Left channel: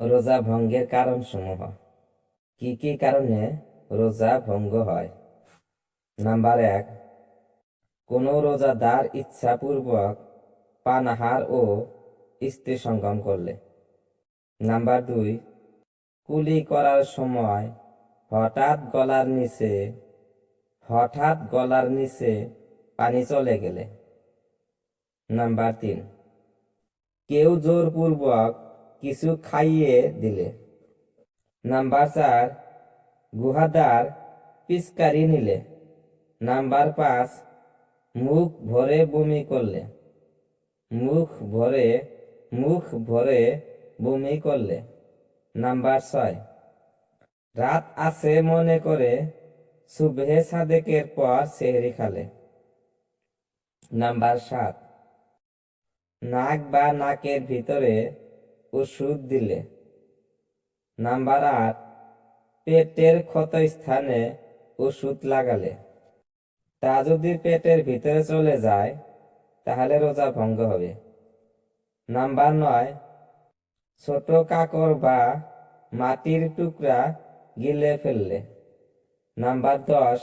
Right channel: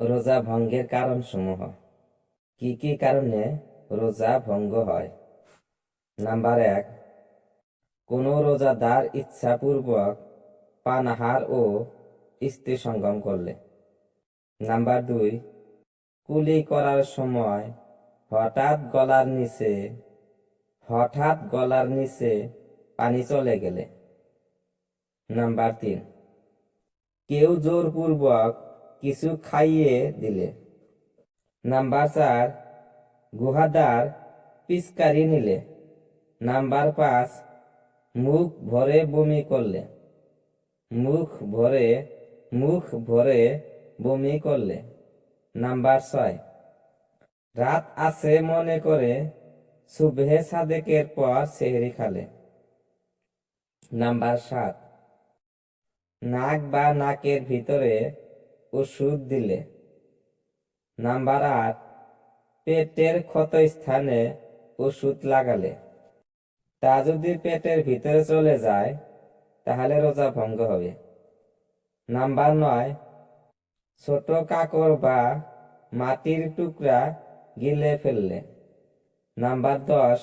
রোজা ভঙ্গের কারণসমূহ। কি কি কারণে রোজা ভঙ্গ হয়? নাম্বার 1, কোনো রোজাদার ইচ্ছাপূর্বক পানাহার ও স্ত্রী সঙ্গম করলে। নাম্বার 2, কুলি করার সময় হঠাৎ গলার নিচে পানি চলে গেলে। নাম্বার 3, কেউ জোরপূর্বক কিছু খাইয়ে দিলে। নাম্বার 4, গুহাদার পিচকারি নিলে। নাম্বার 5, মুখ ভরে বমি করলে। মুখ ভরে বমি করলে। নাম্বার 6, রাত আছে মনে করে সুবহে সাদেকের পর সেহরি খালে। নাম্বার 7, নাক বা নাকের ভিতরে ওষুধ দিলে। নাম্বার 8, পেটের ক্ষতস্থানে ওষুধ লাগালে। তা যদি পেটের ভিতরে চলে যায় তাহলে রোজা ভঙ্গ হবে। নাম্বার 9, ছোট কাকড় বা মাটির টুকরা গিলে ফেললে। নাম্বার 10,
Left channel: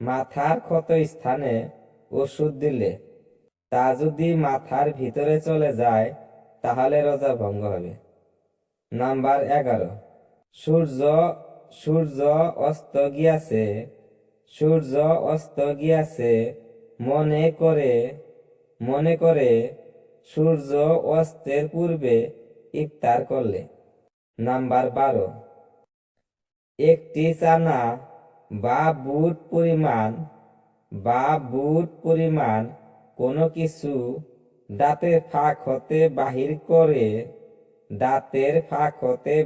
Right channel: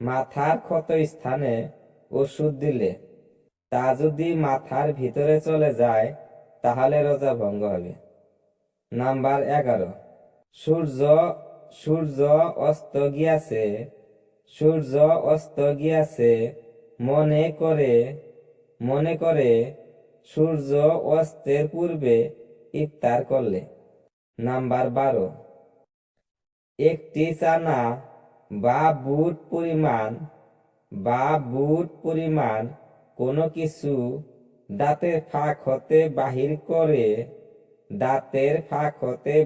মাথার ক্ষতস্থানে ওষুধ দিলে। তা যদি মাথার ভিতরে চলে যায় তাহলে রোজা ভঙ্গ হবে। নাম্বার 11, সূর্য অস্ত গিয়াছে মনে করে সূর্য অস্তের পূর্বে ইফতার করলে। নাম্বার 12, একটি চানা বা বুট পরিমাণ কোনো কিছু দাঁতের ফাঁক হতে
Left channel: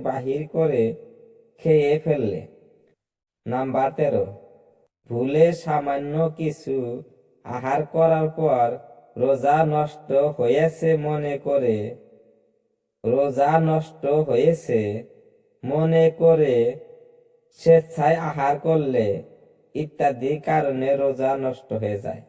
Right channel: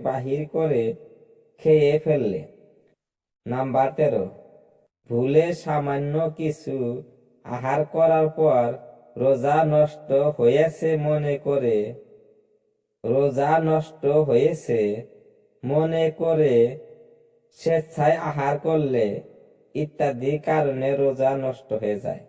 বাহির করে খেয়ে ফেললে। নাম্বার 13, ভুলে সামান্য কিছু আহার করার পর রোজা নষ্ট হয়েছে মনে করে স্বেচ্ছায় আহার করলে ইত্যাদি কারণে রোজা নষ্ট হয়ে যায়।